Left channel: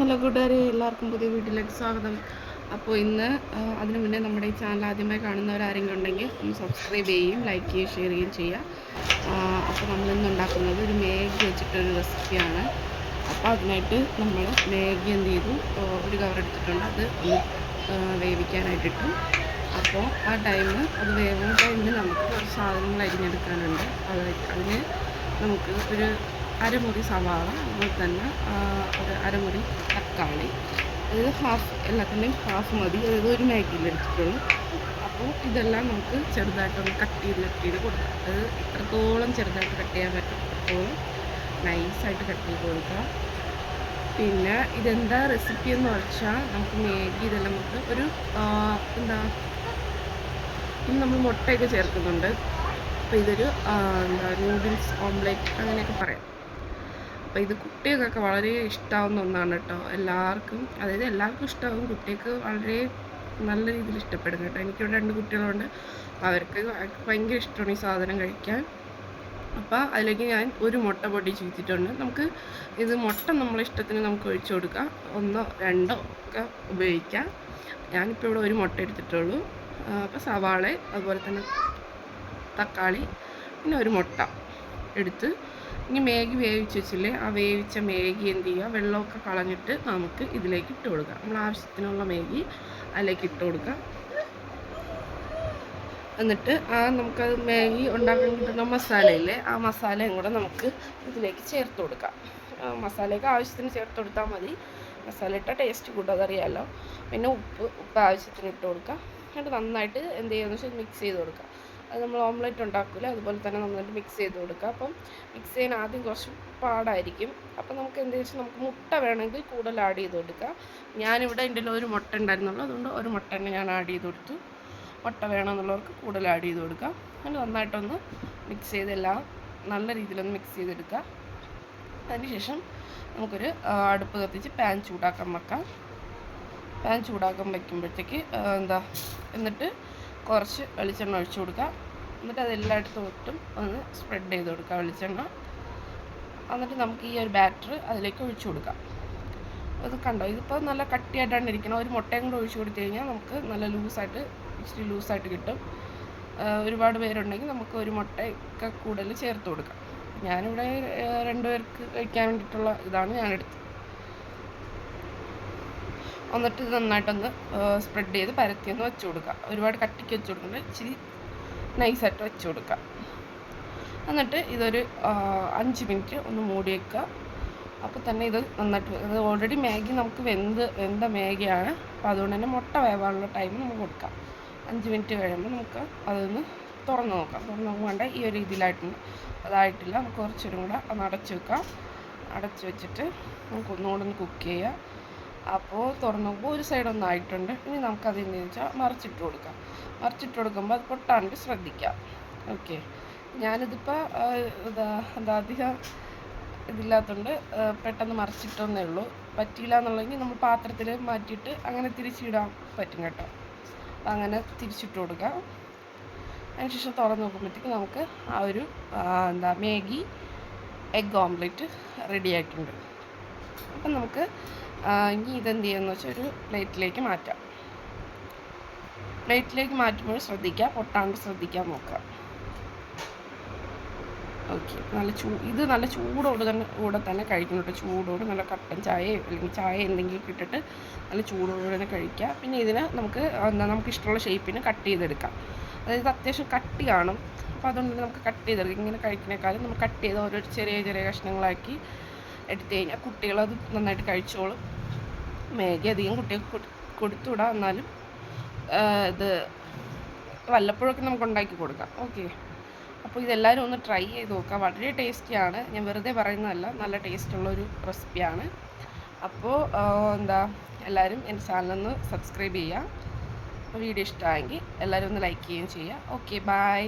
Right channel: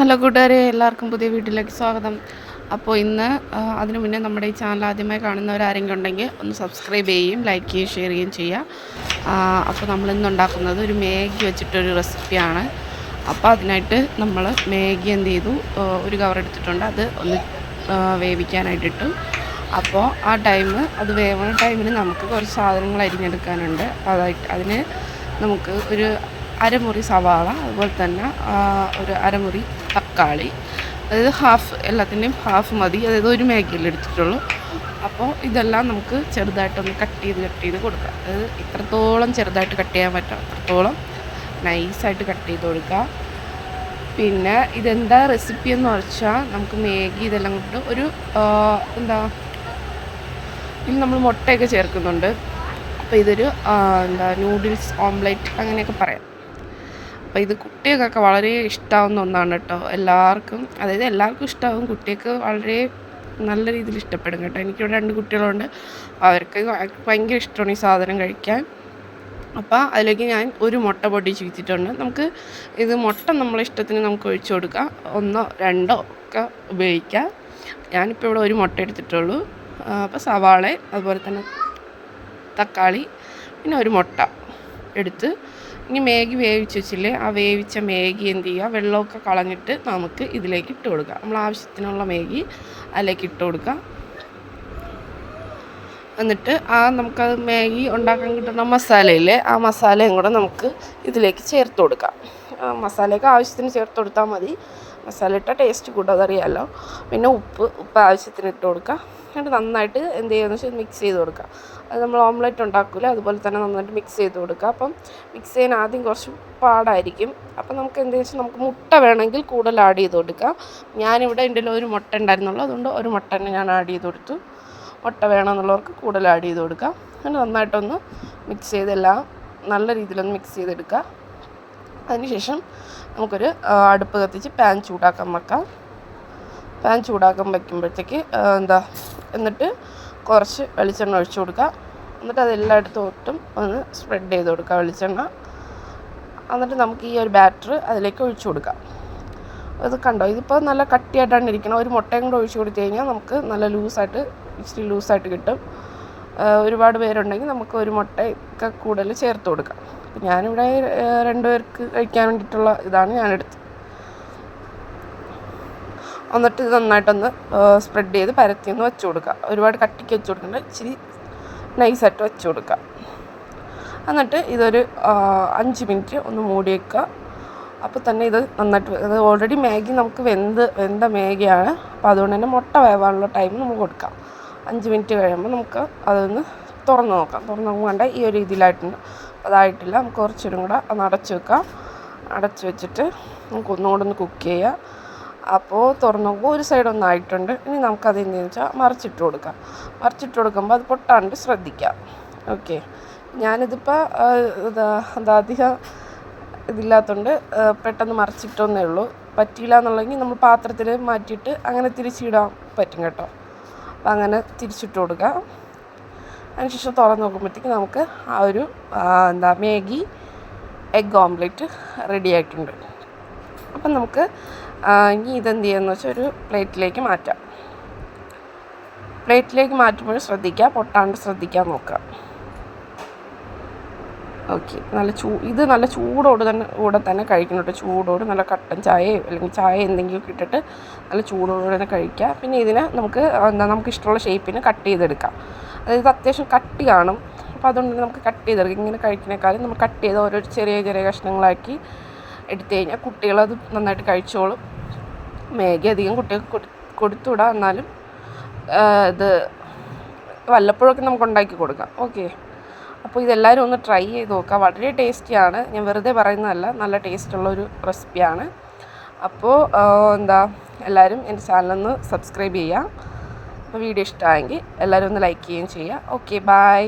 Hello കൂട്ടുകാരെ, എല്ലാവർക്കും പുതിയ വീട്ടിലേക്ക് സ്വാഗതം. അപ്പോൾ ഇന്ന് അതിനു മുന്നേ നമ്മുടെ ഈ ചാനൽ ആദ്യമായി കാണുന്നവരാരെങ്കിലും ഉണ്ടെങ്കിൽ ഒന്ന് സബ്സ്ക്രൈബ് ചെയ്യുകയും ലൈക്ക് ചെയ്യുകയും ഷെയർ ചെയ്യുകയും ചെയ്യുക. അപ്പോൾ നമ്മളിന്ന് ഉണ്ടാക്കുന്നത് ഒരു മാഗി വെച്ചിട്ടൊരു റെസിപ്പിയാണ്. അപ്പോൾ അതിനായിട്ട് നമ്മൾ മാഗി എന്ത് ചെയ്തു, ഒരു കവർ എടുത്തിട്ടുണ്ട്, അത് ഒന്ന് വേവിക്കാനായിട്ടിട്ടു. അപ്പോൾ ആ അത് വേവുന്ന ടൈമിൽ നമുക്ക് കുറച്ച് സാധനങ്ങൾ അരിഞ്ഞെടുക്കാനുണ്ട്. അതിന് നമുക്ക് ഒരു അരമുറി സവാള, അതുപോലെ തന്നെ ഒരു അരമുറി തക്കാളി, അതായത് എല്ലാത്തിൻ്റെയും ഹാഫ് മതി, അതായത് ഒരു മാഗിയിൽ എടുത്തിട്ടുള്ളൂ. അപ്പോൾ ഇതെല്ലാം നമുക്ക് ചെറുതായിട്ടൊന്ന് കട്ട് ചെയ്ത് കൊടുക്കാം. അതായത് ഇത്രത്തോളം ചെറുതായിട്ട് കട്ട് ചെയ്യാൻ പറ്റും അത്രത്തോളം നൈസായിട്ട് കട്ട് ചെയ്ത് കൊടുക്കുക. പിന്നെ ഇതെന്താ റെസിപ്പി എന്ന് വെച്ചാൽ, നമുക്ക് മാഗി ഇതെല്ലാം കൊണ്ട് ഒരു ഇനി നമ്മൾ മുട്ടയൊക്കെ ചേർക്കുന്നുണ്ട്. അപ്പോൾ ഇതൊരു നൂഡിൽസ് ഓംലെറ്റ് അങ്ങനെയൊക്കെ പറയാം. അപ്പോൾ ഇത് കുട്ടികൾക്കൊക്കെ വളരെ ഇഷ്ടമാവുന്ന ഒന്നാണ് കേട്ടോ. എല്ലാവർക്കും ഇഷ്ടമാവും, കുട്ടികൾക്ക് വളരെ നല്ല രീതിയിൽ ഇഷ്ടപ്പെടും കേട്ടോ. എനിക്കിവിടെ 2 കുട്ടികളുണ്ട്, അവർക്ക് ഭയങ്കര ഇഷ്ടമാണ് ഈ സാധനം കഴിക്കാൻ. അപ്പോൾ അതിലേക്ക് ഞാൻ ഒരു മുട്ട പൊട്ടിച്ച് വെച്ചിട്ടുണ്ട്. നമുക്ക് ഇത് മുട്ട നമ്മളെ ഇഷ്ടത്തിന് നമുക്ക് ഒഴിച്ചു കൊടുക്കാം, 1 2 ഒക്കെ ഉപയോഗിക്കാം. ഞാനിപ്പോൾ ഇവിടെ ഒരു മുട്ട എടുത്തിട്ടുള്ളൂ. അപ്പോൾ സവാള, അതുപോലെ തന്നെ തക്കാളി, പിന്നെ ഒരു മുട്ട എടുത്ത് ഇനി മാഗി വേവിച്ച് വെച്ചില്ലേ, ആ വേവിച്ച മാഗി എന്ത് ചെയ്യുക, വെള്ളമൊക്കെ കളഞ്ഞിട്ട് നമുക്ക് ഇതിലേക്ക് ഇട്ട് കൊടുക്കുക. നമ്മൾ ആവശ്യത്തിനുള്ള മാഗി അതിലേക്ക് ഇട്ട് കൊടുക്കുക. എന്നിട്ട് നമുക്കത് മാഗി ഉണ്ടാക്കാൻ കിട്ടുന്ന മസാലയില്ലേ, ആ മസാലയും കൂടെ നമുക്ക് ഇതിലേക്ക് ചേർത്ത് കൊടുക്കാം. മസാലയൊക്കെ ആവശ്യത്തിന് ചേർത്ത് കൊടുത്താൽ മതി. മസാല ഇട്ട ടേസ്റ്റ് കൂട്ടും, അതറിയാമല്ലോ. പിന്നെ ഉപ്പ് ആവശ്യത്തിന് ഇട്ട് കൊടുക്കുക. എന്നിട്ട് നന്നായിട്ട് എന്ത് ചെയ്യുകയെന്ന് വെച്ചാൽ മിക്സ് ചെയ്ത് കൊടുക്കുക. അത് നമ്മൾ ഓംലെറ്റ് ഉണ്ടാക്കില്ല, അതുപോലെ തന്നെ നന്നായിട്ട് മിക്സ് ചെയ്ത് കൊടുക്കുക. അപ്പം മിക്സ് ചെയ്യാൻ ആദ്യം കുറച്ച് പാടായിരിക്കും. അപ്പം നമുക്ക് എന്താണെന്ന് വെച്ചാൽ, നമുക്ക് മുട്ട വേണമെങ്കിൽ കൂടുതൽ ആഡ് ചെയ്ത് കൊടുക്കാം. ഞാനിവിടെ എൻ്റെ ഒരു മുട്ട ഉണ്ടായിരുന്നുള്ളൂ, അതുകൊണ്ട് ഒരു മുട്ട തന്നെ ഞാൻ ആഡ് ചെയ്ത് കൊടുത്തു. മുട്ട വേണമെന്നുള്ളവർക്ക് കൂടുതൽ ആഡ് ചെയ്ത് കൊടുക്കാം. അങ്ങനെ നന്നായിട്ടൊന്ന് മിക്സ് ചെയ്തെല്ലാം നല്ല രീതിയിലൊന്ന് മിക്സ് ചെയ്തെടുക്കുക. അതിനുശേഷം നമുക്കൊരു അടുപ്പ് കത്തിച്ച് പാൻ ചൂടാക്കാൻ വെക്കാം. പാൻ ചൂടാക്കാൻ വയ്ക്കുമ്പോഴത്തേക്ക് എന്നിട്ട് കുറച്ച് വെളിച്ചെണ്ണ ഒഴിച്ചു കൊടുക്കുക. എന്നിട്ട് അതെല്ലായിടത്തോട്ടും ഒന്ന് സ്പ്രെഡ് ചെയ്ത് കൊടുക്കുക വെളിച്ചെണ്ണ. എന്നിട്ട് നമുക്ക് ഈ ഒരു ബാറ്റർ അതിലേക്ക് ഒഴിച്ചു കൊടുക്കാം. അത് കണ്ടോ, ഇതിപ്പോൾ നല്ല കട്ടിയായിട്ടാണ് ഇരിക്കണം. ഒരു മുട്ടയും കൂടെ ഒഴിച്ചു കൊടുത്തു കഴിഞ്ഞാൽ നമുക്ക് നല്ല ഇച്ചിരി ലൂസായിട്ട് കിട്ടും. ഒരുപാട് പേരുണ്ടെങ്കിൽ നമുക്ക് ഒരു മുട്ടയൊക്കെ കൂടുതൽ ചേർത്ത് കൊടുക്കാം. ഞാനിവിടെ 2 പേർക്ക് കഴിക്കാൻ വേണ്ടിയിട്ടുള്ള ഇതാണ് ഞാനെടുത്തത്. എന്നിട്ട് ഇത് നന്നായിട്ടൊന്ന് സ്പ്രെഡ് ചെയ്ത് പരത്തിയൊന്ന് വെച്ച് കൊടുക്കുക. ഒരുപാട് കട്ടിക്ക് വെച്ച് കൊടുക്കണ്ട, ഇച്ചിരി നൈസായിട്ട് വെച്ച് കൊടുക്കുക. എന്നിട്ട് ഇതൊരു 5 മിനിറ്റ് ഒന്ന് മൂടി വയ്ക്കുക. അപ്പോൾ തന്നെ ഇത് നന്നായിട്ട്, അത് ഓൾറെഡി മാഗി നമുക്ക് വെന്ത മാഗിയാണ്. അപ്പോൾ അതുകൊണ്ട് തന്നെ മുട്ട വേവാനുള്ള ടൈം നമുക്ക് കൊടുക്കാം. 5 മിനിറ്റ് കഴിയുമ്പോൾ നമുക്ക് അതൊന്ന് തുറന്ന് നോക്കാം. ഈ ഒരു രീതിയിലായിട്ടുണ്ട്. അതായിട്ടില്ല, നമുക്ക് കുറച്ചും കൂടെ ഒന്ന് അടച്ച് വെക്കാം. അടച്ച് വെച്ചിട്ട് നമുക്ക് ഒന്നുകൂടെ ഒന്ന് കുക്ക് ചെയ്യുക. അപ്പോൾ തുറന്ന് നോക്കുമ്പോൾ ഒരു സൈഡ് ഒന്നായിട്ടുണ്ട്. ഇനി നമുക്കത് എന്താണെന്ന് വെച്ചാൽ മറിച്ചിട്ട് കൊടുക്കാം. മറിച്ചിട്ട് കൊടുക്കുമ്പോൾ അത് പൊട്ടാണ്ട് ശ്രദ്ധിക്കാം. ഓക്കെ, ഞാനിതിപ്പോൾ അധികം ഇതില്ലാത്തതുകൊണ്ട് പെട്ടെന്ന് മറിച്ചിട്ടൊന്നേ ഉള്ളൂ. പറ്റിയില്ല എന്നുള്ളെങ്കിൽ നമ്മൾ പാത്രത്തിൽ മാറ്റിയിട്ട് അങ്ങനെ തിരിച്ചിടാൻ പറ്റും കേട്ടോ. അപ്പോൾ അങ്ങനെ തിരിച്ചിട്ട് കൊടുക്കുക. അതിനുശേഷം തുറന്ന് നോക്കുമ്പോഴത്തേക്ക് നമുക്ക് ആ ഒരു മാഗി എഗ് ഓംലെറ്റ് റെഡി ആയിട്ടുണ്ട്. അപ്പം നമുക്ക് ഇനി ഇതെന്ത് ചെയ്യുമെന്ന് വെച്ചാൽ ഒരു പ്ലേറ്റിലേക്ക് മാറ്റാം. പ്ലേറ്റിലേക്ക് മാറ്റുമ്പോൾ ശ്രദ്ധിക്കുക, പൊട്ടാണ്ട് ശ്രദ്ധിക്കാൻ നോക്കുക. ഓക്കെ, ഇത് നല്ല കൂടെ തന്നെ കഴിക്കണം കേട്ടോ. ചൂടോട് നല്ല കട്ടൻ ചായയോ അല്ലെങ്കിൽ ചായ എന്തെങ്കിലും ഇട്ടിട്ട് നല്ല ചൂടോടെ തന്നെ കഴിക്കുക. പിന്നെ ഇതിനെ നമുക്ക് ഇഷ്ടമുള്ള ഷേപ്പിന് കട്ട് ചെയ്തെടുക്കാം. അതായത് അത്യാവശ്യം കട്ടി കാണും, അപ്പോൾ അതുകൊണ്ട് നമുക്ക് കട്ട് ചെയ്തെടുക്കാം. ഇങ്ങനെ കഴിക്കുന്നേക്കാളും നമ്മൾ കട്ട് ചെയ്ത് ഓരോ ചെറിയ കഷ്ണങ്ങളാക്കി എടുത്തു കഴിഞ്ഞാൽ കുട്ടികളത് നന്നായിട്ട് കഴിച്ചോളും. മാഗി അധികം കുട്ടികൾക്ക് കൊടുത്തുവിടാം, എന്നാലും ഇത് വല്ലപ്പോഴൊക്കെ നമുക്ക് ഉണ്ടാക്കി കൊടുക്കാം. ഓക്കെ, അപ്പോൾ ഇതെല്ലാവരും ഒന്ന് ട്രൈ ചെയ്ത് നോക്കുക. വളരെ ടേസ്റ്റിയാണ്, ഞാൻ വെറുതെ പറയുന്നതല്ല, നല്ല ടേസ്റ്റുള്ളൊരു റെസിപ്പിയാണ്. അപ്പോൾ എല്ലാവരും എൻ്റെ ചാനലൊന്ന് സബ്സ്ക്രൈബ് ചെയ്യുക. അപ്പോൾ വീഡിയോ ഇഷ്ടമായെങ്കിൽ എല്ലാവരും ഒന്ന് ലൈക്ക് ചെയ്യുകയും ചെയ്യുക. Okay, by.